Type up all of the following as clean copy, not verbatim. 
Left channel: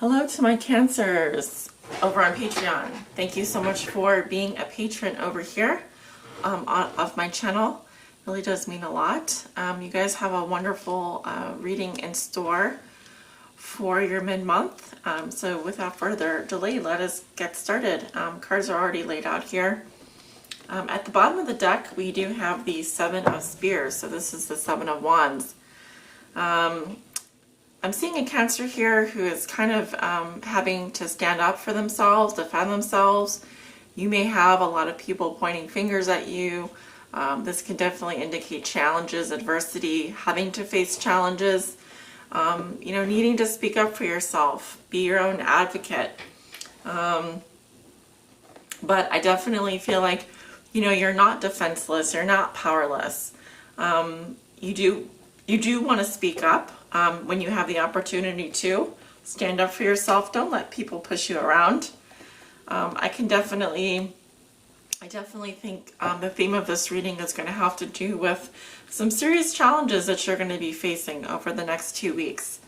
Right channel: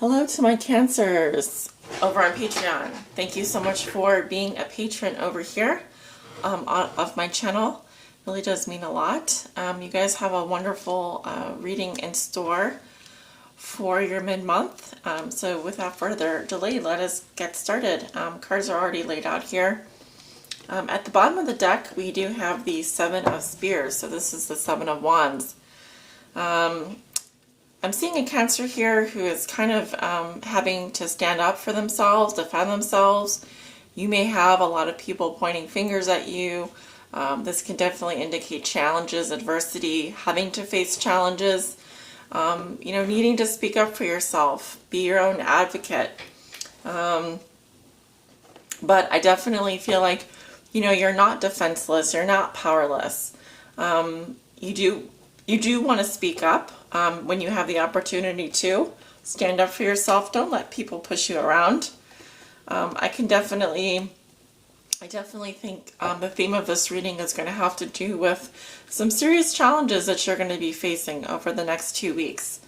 Hello to my Cancers over on Patreon. Thank you so much for being a patron over here of my channel. It really does mean a lot. You guys have a wonderful reading in store for your mid-month. So without further delay, let us get started. Cards are already laid out here. At the bottom of the deck, we do have the Seven of Spears. So this is the Seven of Wands. I'm seeing a Cancer here who is kind of having to stand up for themselves, defend themselves. You may have a lot of people pointing fingers at you. This can definitely indicate challenges, adversity, having to face challenges, needing to speak up for yourself, be your own advocate. But I definitely feel like, you're not defenseless, you're not powerless. You do want to speak up when you have the opportunity to. Stand up for yourself. Don't let people push you around. I definitely think the theme of this reading is going to have to do with some serious challenges that you're going to be facing over the next 2 weeks.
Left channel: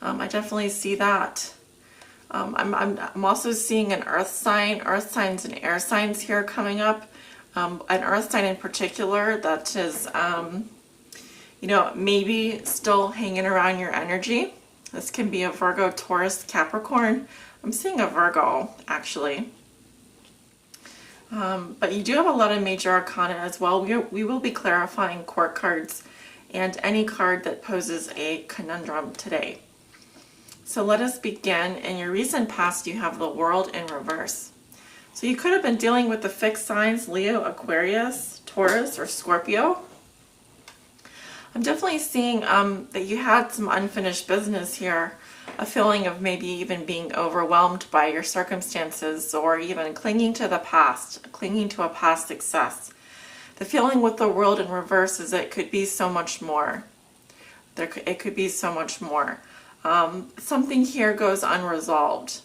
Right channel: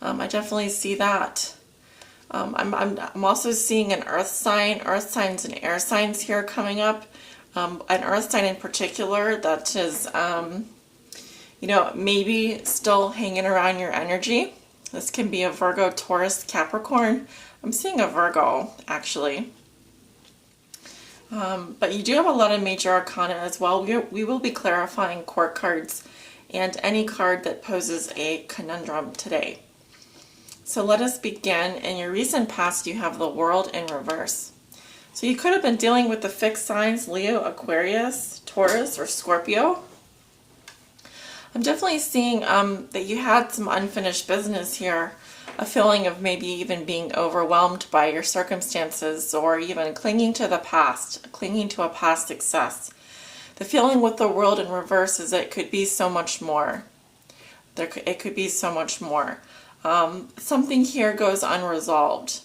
I definitely see that. I'm also seeing an earth signs and air signs here coming up. An earth sign in particular that is maybe still hanging around your energy. This can be a Virgo, Taurus, Capricorn. I'm seeing a Virgo, actually. But you do have a lot of major arcana as well. We will be clarifying court cards and any card that poses a conundrum today. So let us begin. In your recent past, you have the World in reverse. So you could have been dealing with the fixed signs, Leo, Aquarius, Taurus, or Scorpio. I'm definitely seeing that you had some unfinished business here, a feeling of maybe even being overwhelmed by your circumstances or even clinging to the past, clinging to a past success. The feeling with the World in reverse is that it could be so much more. It could be so much more. Something here goes unresolved.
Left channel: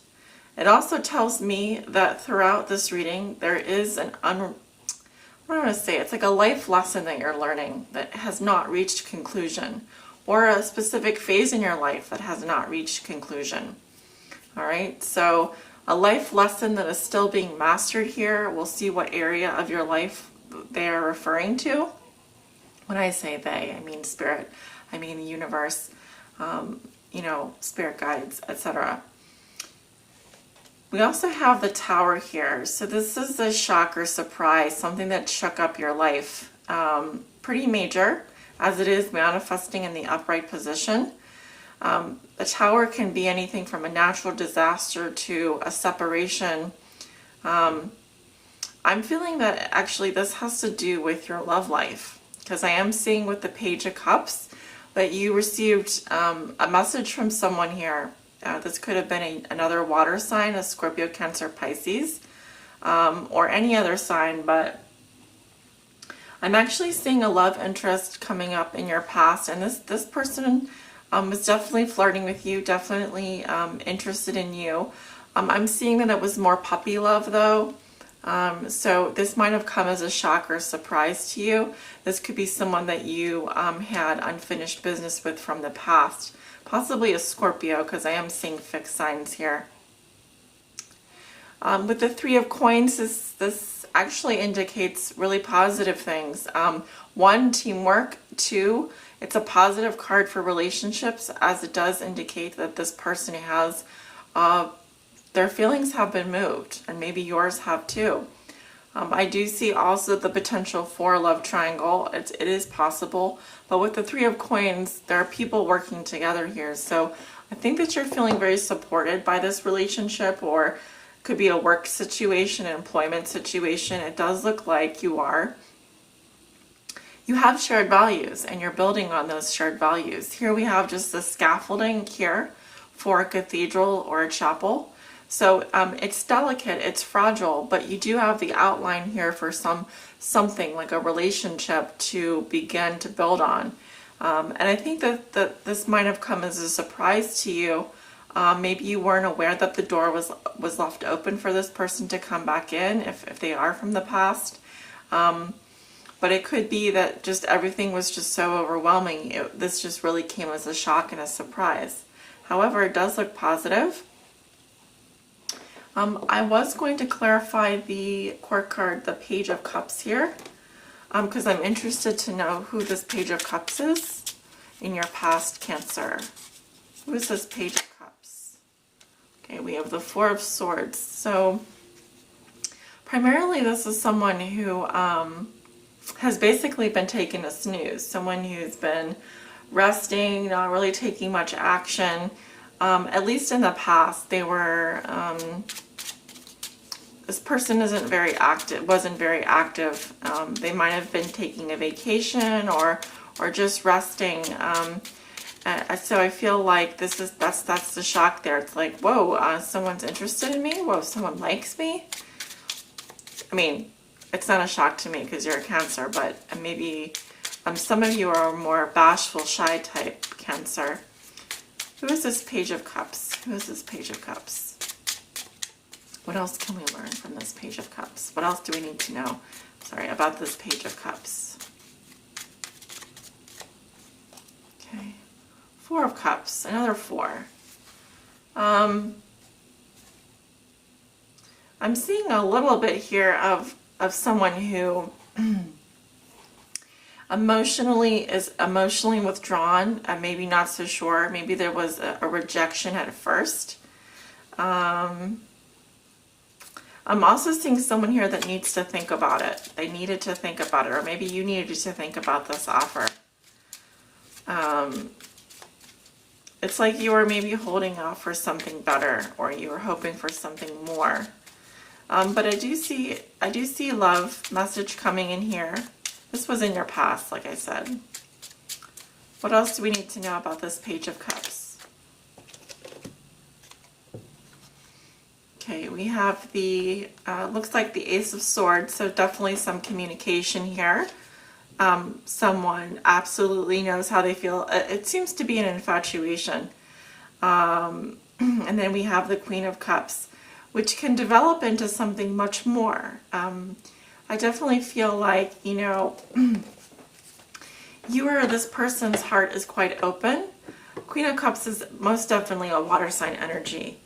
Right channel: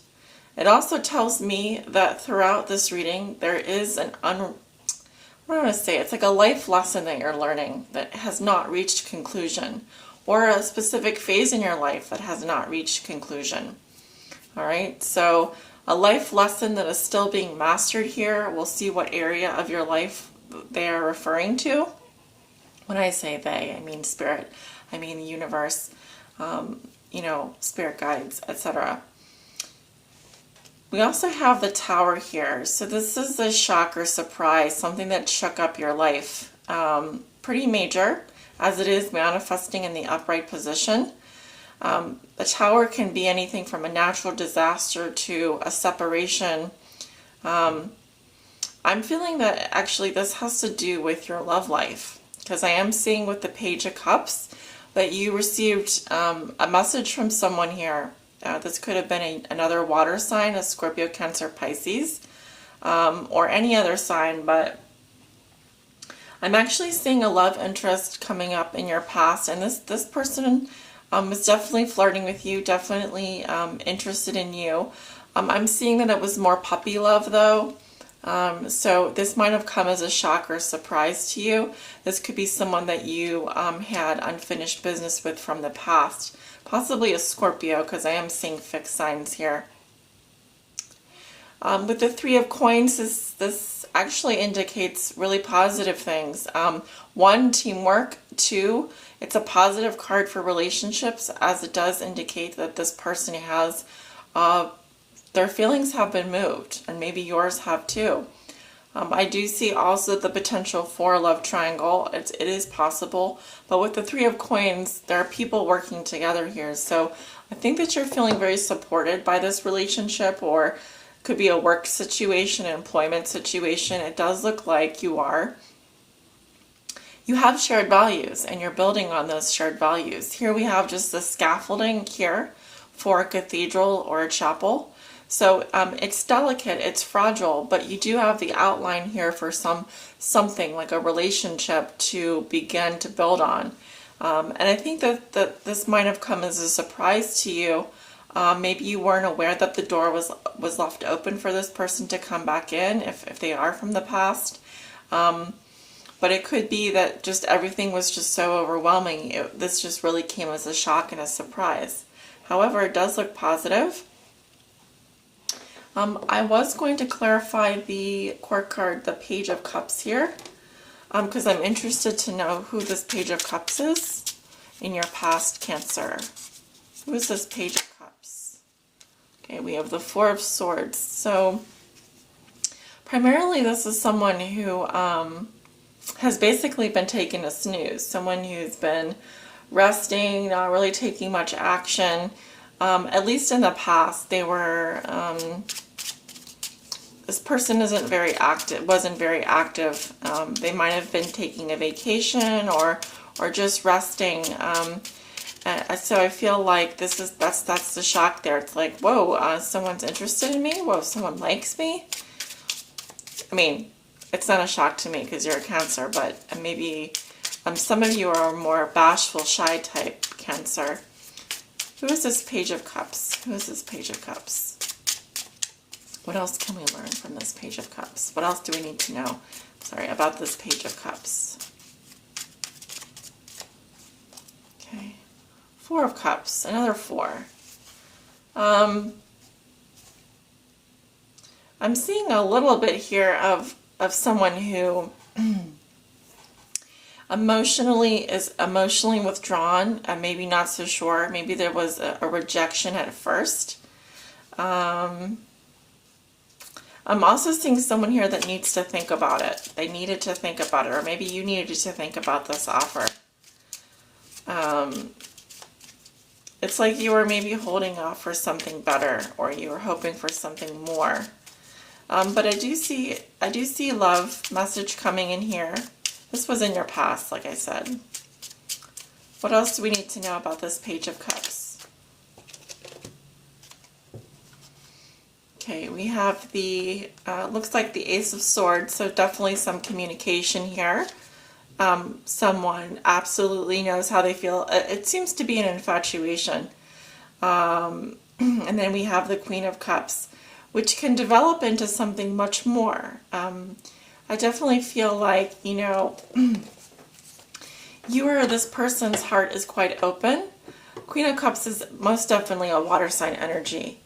It also tells me that throughout this reading there is it's like a life lesson that you're learning that has not reached conclusion, or a specific phase in your life that has not reached conclusion. All right, so a life lesson that is still being mastered here. We'll see what area of your life they are referring to. When I say they, I mean spirit, I mean the universe, spirit guides, etc. We also have the Tower here. So this is a shock or surprise, something that shook up your life. Pretty major, as it is manifesting in the upright position. The Tower can be anything from a natural disaster to a separation. I'm feeling that actually this has to do with your love life, because I am seeing with the Page of Cups that you received a message from someone here. This could have been another water sign, a Scorpio, Cancer, Pisces, or any other sign, but I'm actually seeing a love interest coming up in your past, and this person was definitely flirting with you, definitely interested in you. I'm seeing that it was more puppy love, though, so this might have come as a shock or surprise to you. This could be someone that you had unfinished business with from the past. Possibly a Scorpio, because I am seeing fixed signs here. With the Three of Coins, this actually indicates really positive things. One, teamwork. Two, it's a positive card for relationships, as it does indicate that this person has, their feelings have been moved, and maybe yours have too. I do see also the potential for a love triangle. It is possible, but with the Three of Coins, there are people working together here. So I think that you're feeling very supported by this relationship, or it could be a work situation, an employment situation. It does look like you are. You have shared values, and you're building on those shared values. Here we have just the scaffolding here for a cathedral or a chapel. So it's delicate, it's fragile, but you do have the outline here for something like a relationship to begin to build on. And I think that this might have come as a surprise to you. Maybe you weren't aware that the door was left open for this person to come back in if they are from the past. But it could be that just everything was just so overwhelming. This just really came as a shock and a surprise. However, it does look positive. I was going to clarify the court card, the Page of Cups here, because I'm interested to know who this Page of Cups is in your past, Cancer. Who is this Page of Cups? Okay, we have the Four of Swords. So primarily this is someone who has basically been taking a snooze, someone who's been resting, not really taking much action. At least in the past, they were, this person wasn't very active. They might have been taking a vacation or just resting. So I feel like that's the shock there. It's like, whoa, someone's interested in me. Whoa, someone likes me. I mean, it's not a shock to me because you're a Cancer, but maybe some of you are a more bashful, shy type Cancer. Who is this Page of Cups? Who is this Page of Cups? What else can we learn from this Page of Cups? What else do we need to know, about this Page of Cups? Okay. Four of Cups, another four. I'm seeing a little bit here of someone who is emotionally withdrawn, maybe not so sure. Maybe there was a rejection at first. I'm also seeing someone here that needs to think about it. They needed to think about it, or maybe you needed to think about this offer. It's like you were maybe holding off for something better, or you were hoping for something more. But I do see love message coming in here. This was in your past, like I said. What else do we need to know about this Page of Cups? Okay, we have the, looks like the Ace of Swords, so definitely some communication here. Someone absolutely knows how they feel. It seems to be an infatuation. And then we have the Queen of Cups, which can develop into something much more. I definitely feel like, this person's heart is quite open. Queen of Cups is most definitely a water sign energy.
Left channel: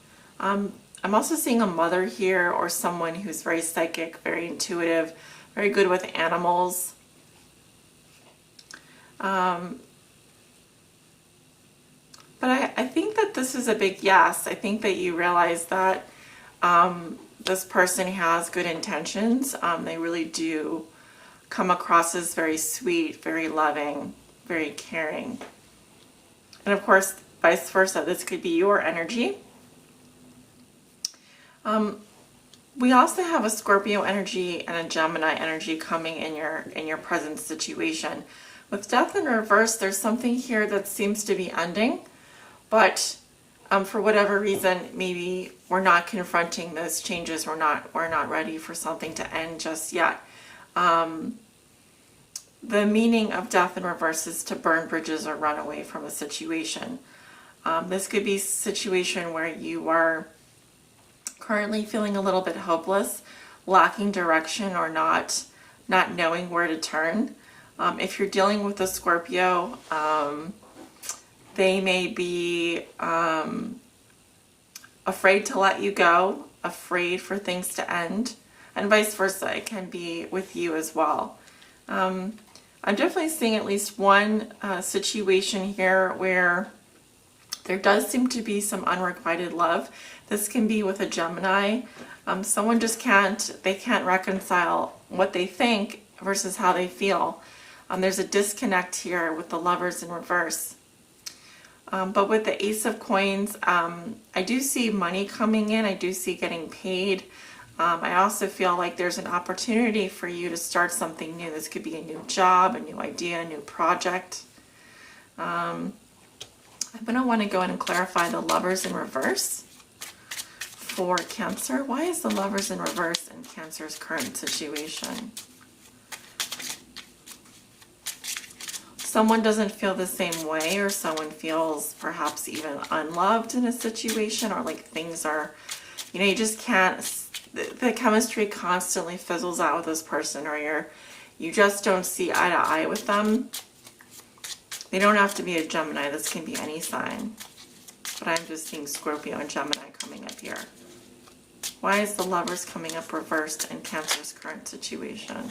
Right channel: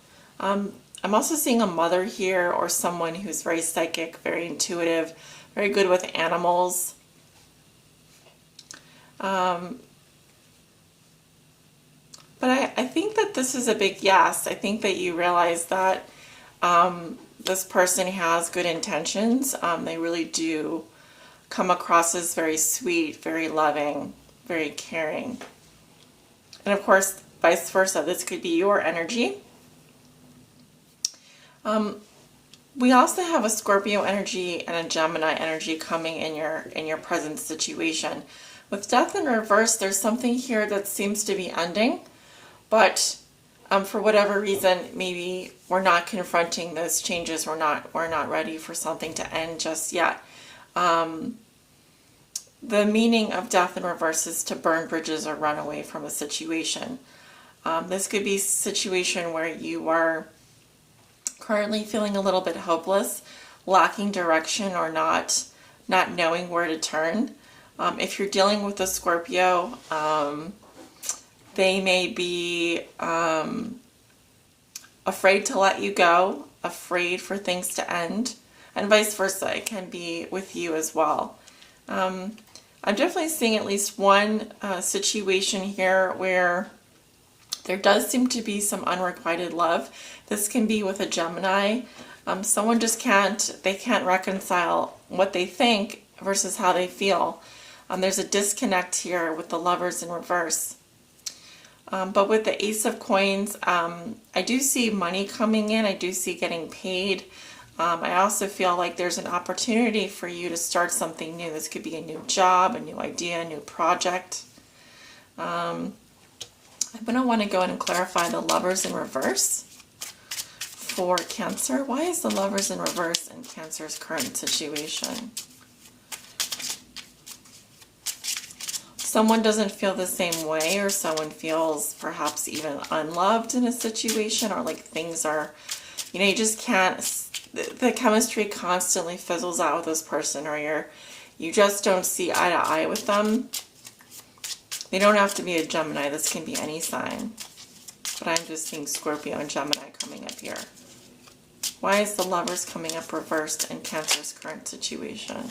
I'm also seeing a mother here, or someone who's very psychic, very intuitive, very good with animals. But I think that this is a big yes. I think that you realize that this person has good intentions. They really do come across as very sweet, very loving, very caring. And of course, vice versa, this could be your energy. We also have a Scorpio energy and a Gemini energy coming in your present situation. With Death in reverse, there's something here that seems to be ending, but for whatever reason, maybe we're not confronting those changes. We're not ready for something to end just yet. The meaning of Death in reverse is to burn bridges or run away from a situation. This could be a situation where you are currently feeling a little bit hopeless, lacking direction, or not knowing where to turn. If you're dealing with a Scorpio, they may be afraid to let you go, afraid for things to end, and vice versa. It can be with you as well. I'm definitely seeing at least one situation here where there does seem to be some unrequited love. This can be with a Gemini. Someone just can't reconcile what they think versus how they feel. There's a disconnect here with the Lovers in reverse. But with the Ace of Coins, I do see money coming in. I do see getting paid. I also feel like there's an opportunity for you to start something new. This could be a new job, a new idea, a new project. I'm going to want to go in and clarify the Lovers in reverse for Cancer. Why is the Lovers in reverse in Cancer's current situation? Someone doesn't feel the same way, or someone feels perhaps even unloved in a situation, or like things are, you just can't, the chemistry constantly fizzles out with this person, or you just don't see eye to eye with them. They don't have to be a Gemini. This can be any sign. But I'm just seeing Scorpio and Gemini coming up here. Why is the Lovers coming up reversed in Cancer's current situation?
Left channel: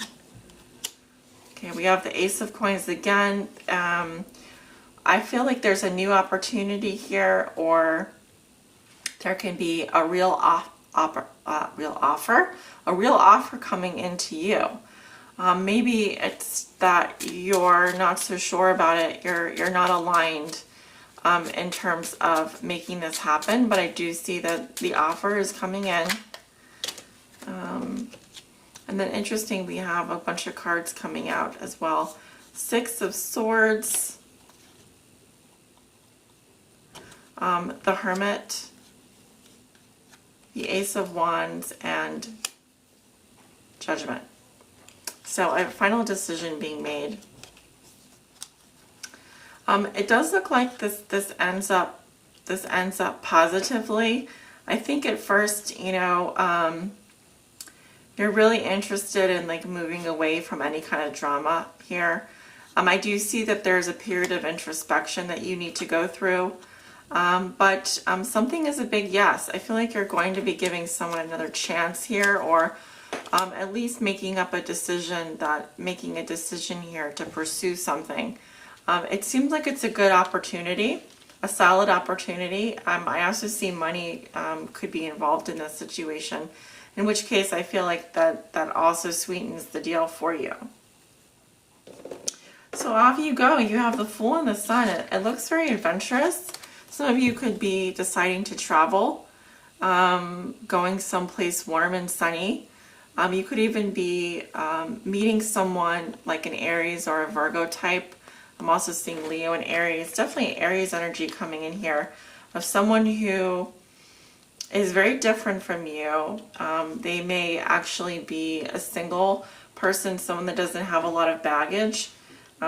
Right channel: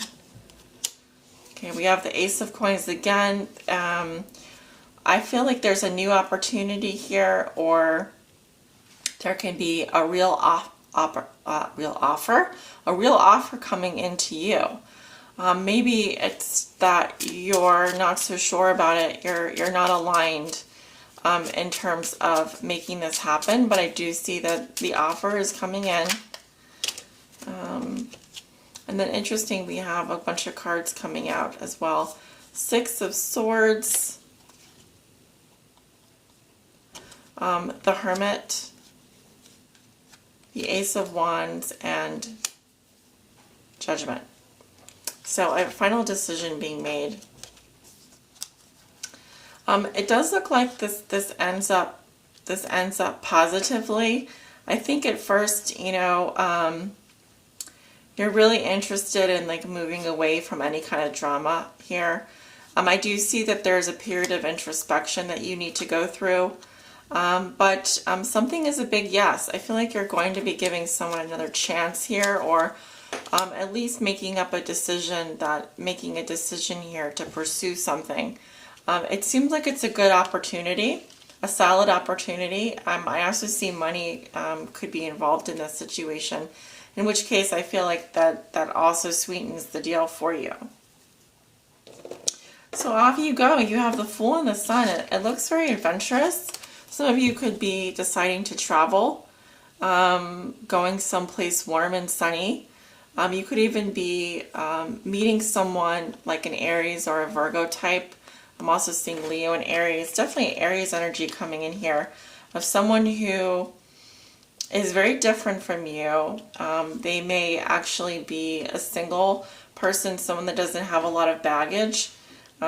Okay, we have the Ace of Coins again. I feel like there's a new opportunity here, or there can be a real offer coming into you. Maybe it's that you're not so sure about it. You're not aligned in terms of making this happen, but I do see that the offer is coming in. And then interesting, we have a bunch of cards coming out as well. Six of Swords, the Hermit, the Ace of Wands, and Judgment. So a final decision being made. It does look like this ends up positively. I think at first, you know, you're really interested in like moving away from any kind of drama here. I do see that there's a period of introspection that you need to go through. But something is a big yes. I feel like you're going to be giving someone another chance here, or at least making a decision here to pursue something. It seems like it's a good opportunity, a solid opportunity. I also see money could be involved in this situation, in which case I feel like that also sweetens the deal for you. So off you go. You have the Fool and the Sun. It looks very adventurous. Some of you could be deciding to travel, going someplace warm and sunny. You could even be meeting someone like an Aries or a Virgo type. I'm also seeing Leo and Aries. Definitely Aries energy coming in here, of someone who is very different from you. They may actually be a single person, someone that doesn't have a lot of baggage,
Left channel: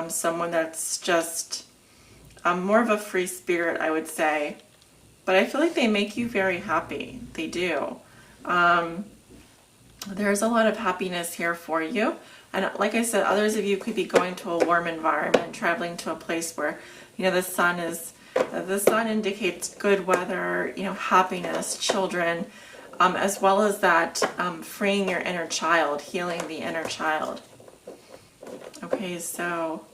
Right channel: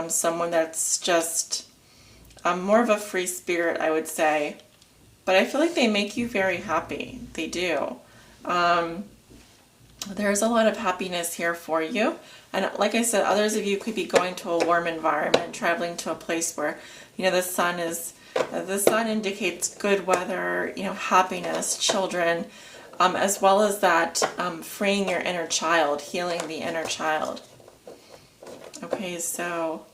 someone that's just more of a free spirit, I would say. But I feel like they make you very happy. They do. There's a lot of happiness here for you. And like I said, others of you could be going to a warm environment, traveling to a place where, you know, the sun indicates good weather, you know, happiness, children, as well as that freeing your inner child, healing the inner child. Okay, so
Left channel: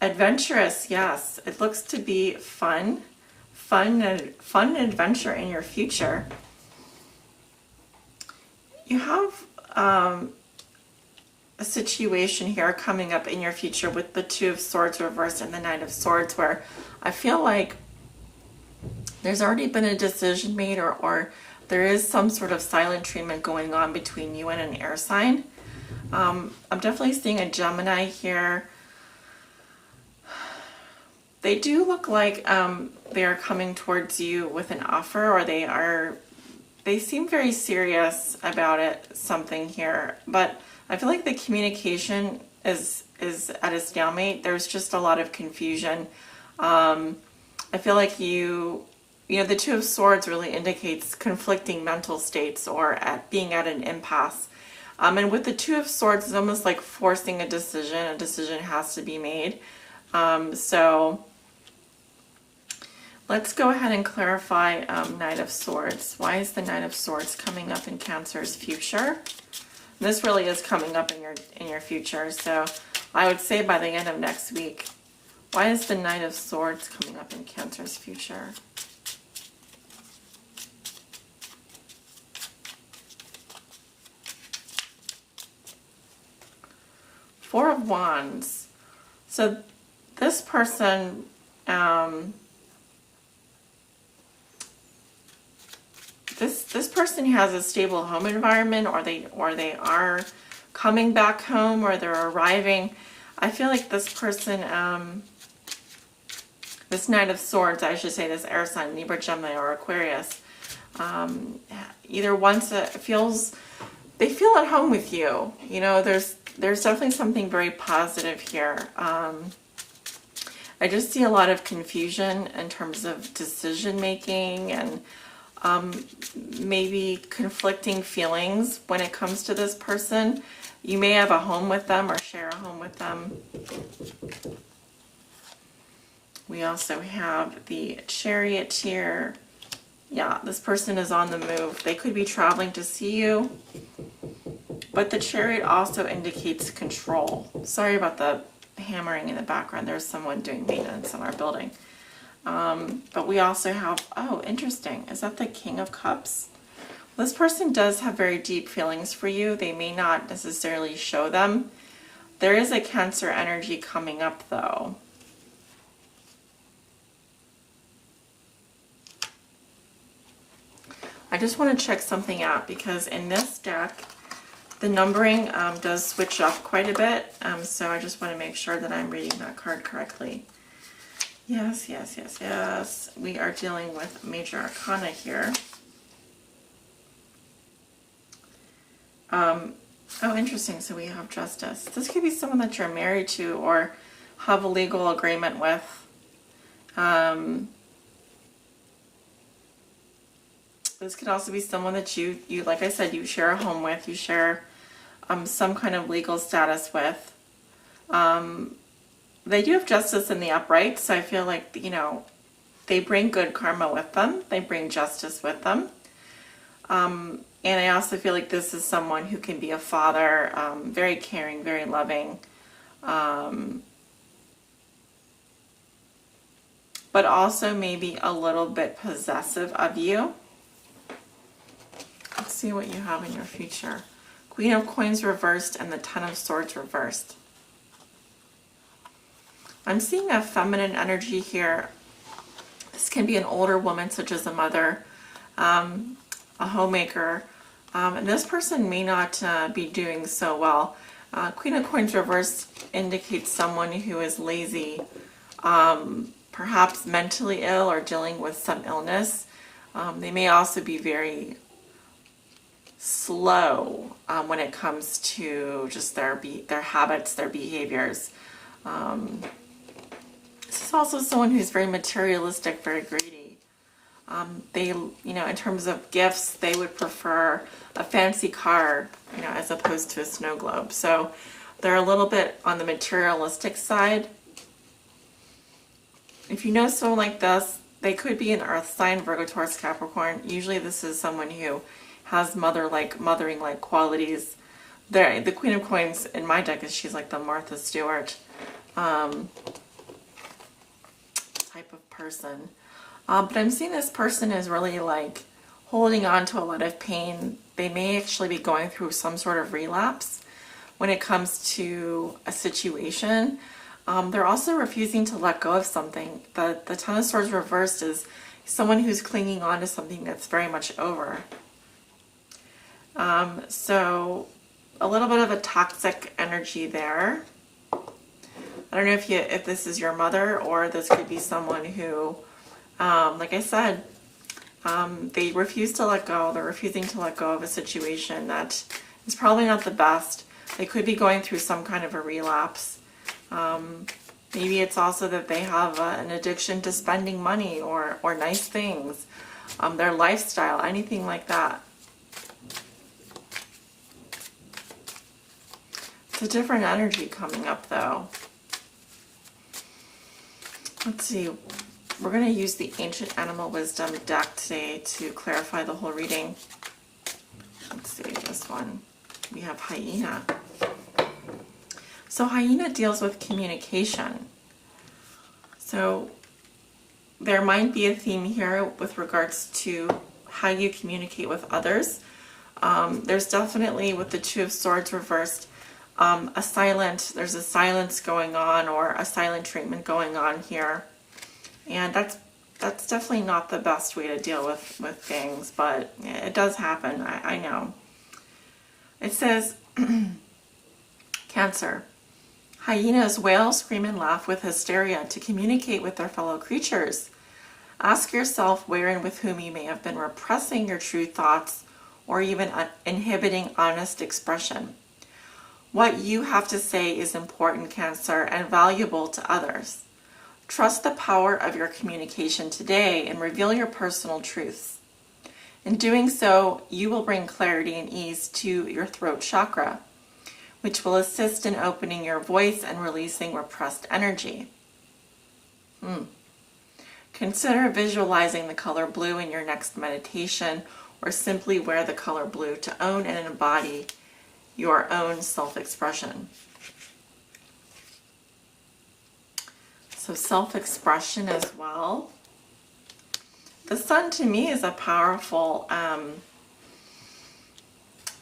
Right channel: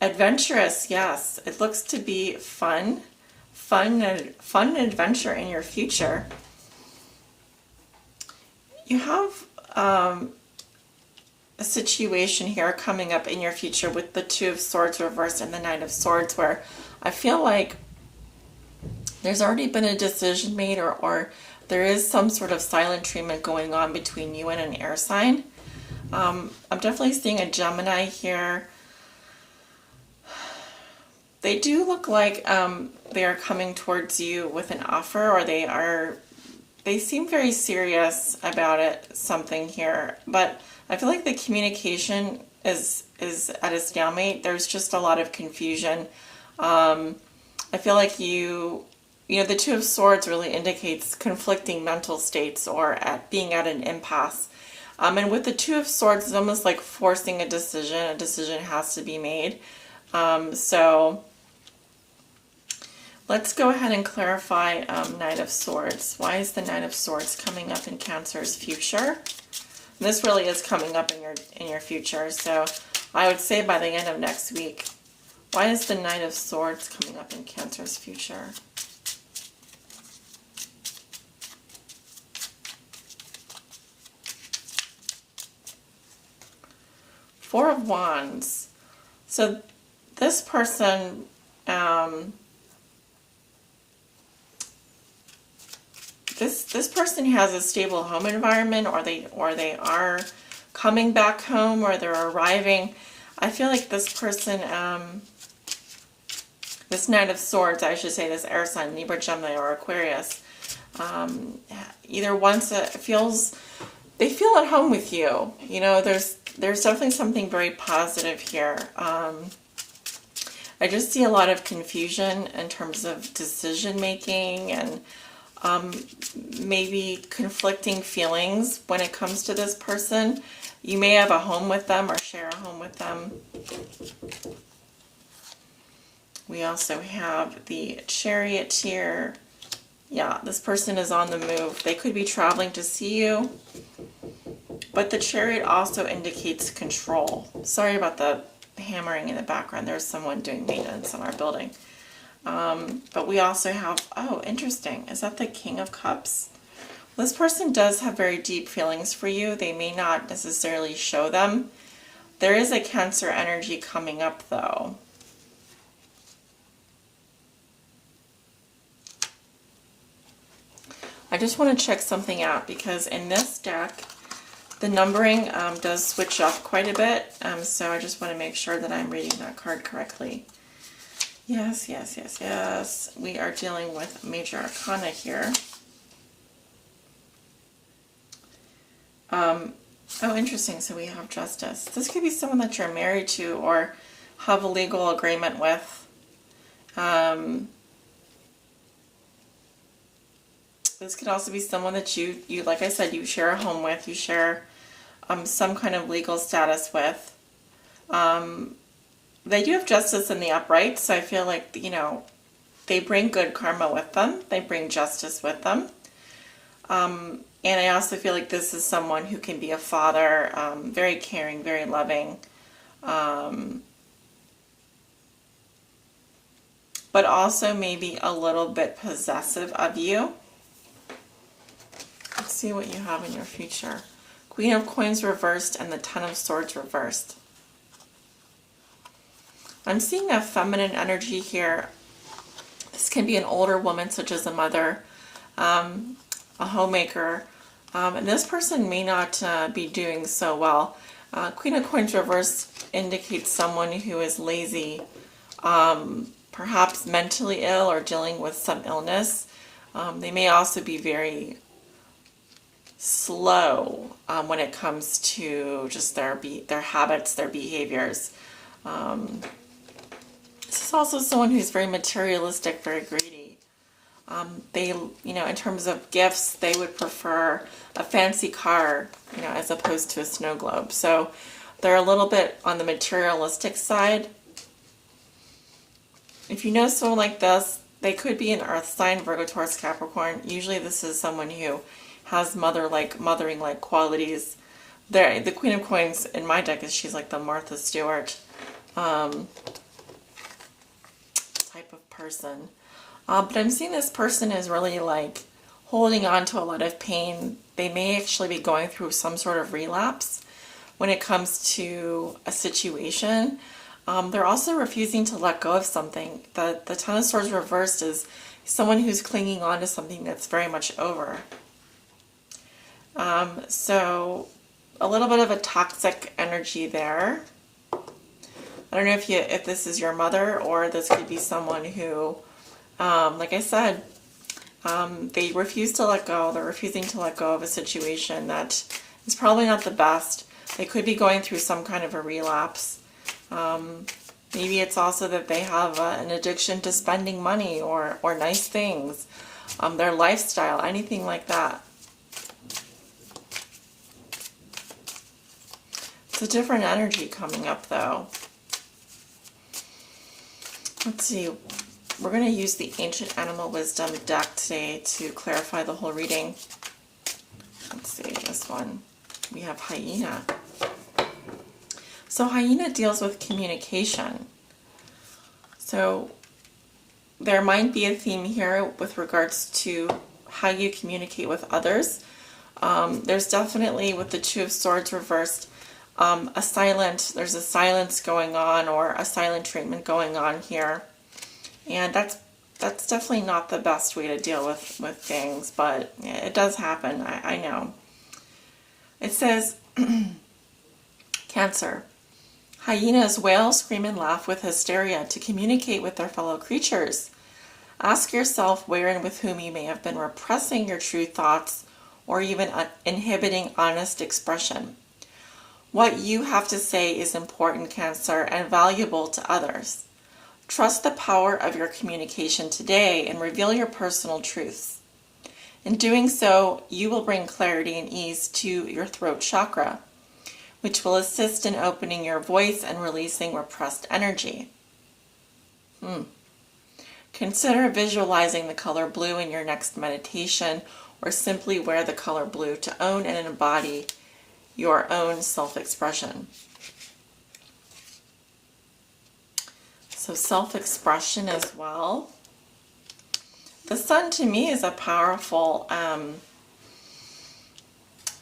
adventurous, yes. It looks to be fun adventure in your future. You have a situation here coming up in your future with the Two of Swords reversed and the Knight of Swords, where I feel like there's already been a decision made, or there is some sort of silent treatment going on between you and an air sign. I'm definitely seeing a Gemini here. They do look like they are coming towards you with an offer, or they seem very serious about it, something here. But I feel like the communication is at a stalemate. There's just a lot of confusion. I feel like you know, the Two of Swords really indicates conflicting mental states, or being at an impasse. And with the Two of Swords, it's almost like forcing a decision. A decision has to be made. So let's go ahead and clarify Knight of Swords. Why is the Knight of Swords coming up in Cancer's future? This really is coming up in your future. So I would say by the end of next week. Why is the Knight of Swords coming up in Cancer's future? Four of Wands. So this person, this person has a stable home environment, or they are coming back home, or they're arriving. I feel like this person, this Knight of Swords, I should say, this air sign, Libra, Gemini, or Aquarius, either wants they feel at home with you. You know, there's definitely something very positive here. I just see a lot of confusion in terms of decision making, and maybe conflicting feelings when it comes to this person. You may have a home with them, or share a home with them. We also have the Chariot here. Yeah, this person is on the move. They could be traveling to see you. But the Chariot also indicates control. Sorry about the hammering in the background. There's someone doing maintenance on our building. But we also have, oh, interesting. Is that the King of Cups? This person does have very deep feelings for you. They may not necessarily show them. There is a Cancer energy coming up, though. I just want to check something out because in this deck, the numbering does switch up quite a bit. So I just want to make sure that I'm reading that card correctly. Yes, yes, yes, yes. We are dealing with Major Arcana here. Oh, interesting. So we have Justice. This could be someone that you're married to or have a legal agreement with. This could also be someone that you like I said, you share a home with, you share some kind of legal status with. They do have Justice in the upright, so I feel like, you know, they bring good karma with them. They bring justice with them. And I also feel like this is someone who can be a father, very caring, very loving, but also maybe a little bit possessive of you. Let's see what you have in your future. Queen of Coins reversed and the Ten of Swords reversed. I'm seeing a feminine energy here. This can be an older woman, such as a mother, a homemaker, and this person may not be doing so well. Queen of Coins reversed indicates someone who is lazy, perhaps mentally ill or dealing with some illness. They may also be very slow when it comes to just their habits, their behaviors. This is also someone who's very materialistic, very greedy. They, in terms of gifts, they would prefer a fancy car, as opposed to a snow globe. So they're a little bit on the materialistic side. If you know someone like this, they could be an earth sign, Virgo, Taurus, Capricorn. Usually this is someone who has mothering-like qualities. The Queen of Coins in my deck she's like the Martha Stewart type of person. But I'm seeing this person is really like holding on to a lot of pain. They may actually be going through some sort of relapse when it comes to a situation. They're also refusing to let go of something. The Ten of Swords reversed is someone who's clinging on to something that's very much over. So a little bit of a toxic energy there. I don't know if this is your mother, or this could be someone who, like I said, they refuse to let go. They're refusing to let go of a situation that is probably not the best. They could be going through some kind of a relapse. Maybe it's also that they have an addiction to spending money or nice things, their lifestyle, anything like that. It's a different energy coming up, though. Let's see. We're going to use the Ancient Animal Wisdom deck today to clarify the whole reading. Let's see, this one. We have Hyena. So Hyena deals with communication. So there might be a theme here with regards to how you communicate with others. There's definitely, with the Two of Swords reversed, there's a silence going on, or a silent treatment going on here. And that's definitely not the best way to deal with things, but it does happen, I know. It says, Cancer. Hyenas wail, scream, and laugh with hysteria to communicate with their fellow creatures. Ask yourself where and with whom you may have been repressing your true thoughts or even inhibiting honest expression. What you have to say is important, Cancer, and valuable to others. Trust the power of your communication today and reveal your personal truths. In doing so, you will bring clarity and ease to your throat chakra, which will assist in opening your voice and releasing repressed energy. Consider visualizing the color blue in your next meditation, or simply wear the color blue to own and embody your own self-expression. So self-expression as well. The sun to me is a powerful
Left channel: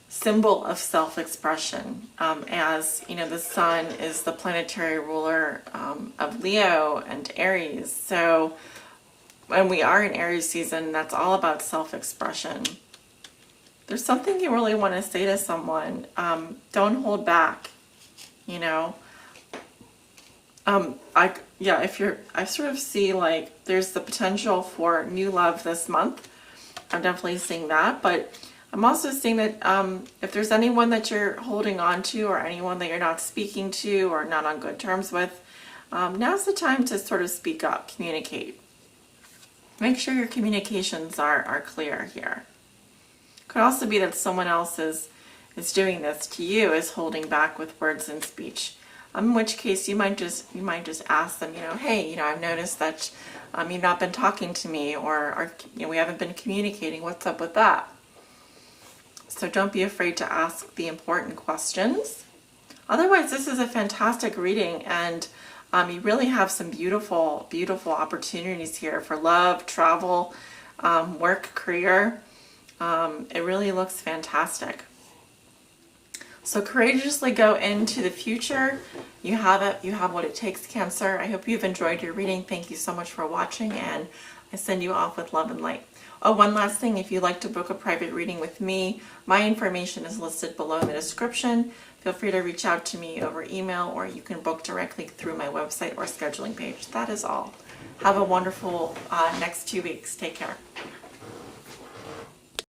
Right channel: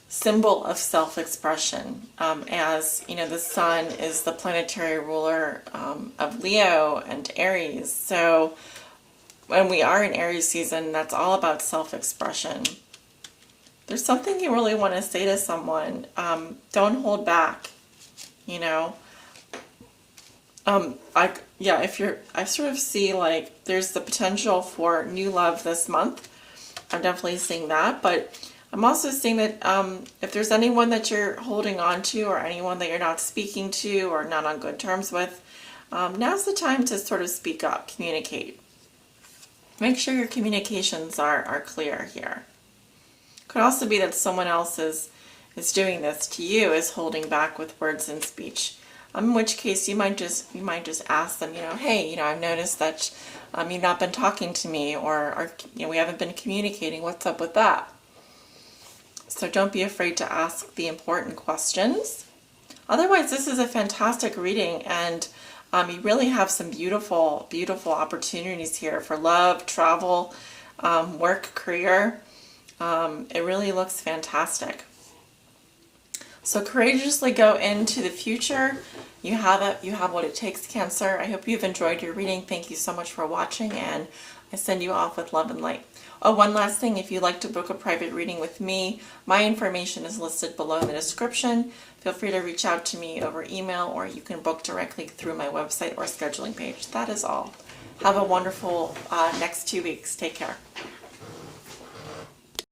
symbol of self-expression. As you know, the sun is the planetary ruler of Leo and Aries. So when we are in Aries season, that's all about self-expression. There's something you really want to say to someone. Don't hold back, you know. I sort of see like there's the potential for new love this month. I'm definitely seeing that, but I'm also seeing that if there's anyone that you're holding on to, or anyone that you're not speaking to or not on good terms with, now's the time to sort of speak up, communicate. Make sure your communications are clear here. Could also be that someone else is doing this to you, is holding back with words and speech. In which case you might just ask them, hey, I've noticed that you've not been talking to me, or we haven't been communicating. What's up with that? So don't be afraid to ask the important questions. Otherwise, this is a fantastic reading, and you really have some beautiful, beautiful opportunities here for love, travel, work, career. It really looks fantastic. So courageously go into the future. You have it. You have what it takes, Cancer. I hope you've enjoyed your reading. Thank you so much for watching, and I send you off with love and light. Oh, one last thing. If you'd like to book a private reading with me, my information is listed below in the description. Feel free to reach out to me over email, or you can book directly through my website or scheduling page. That is all. Have a wonderful next 2 weeks. Take care.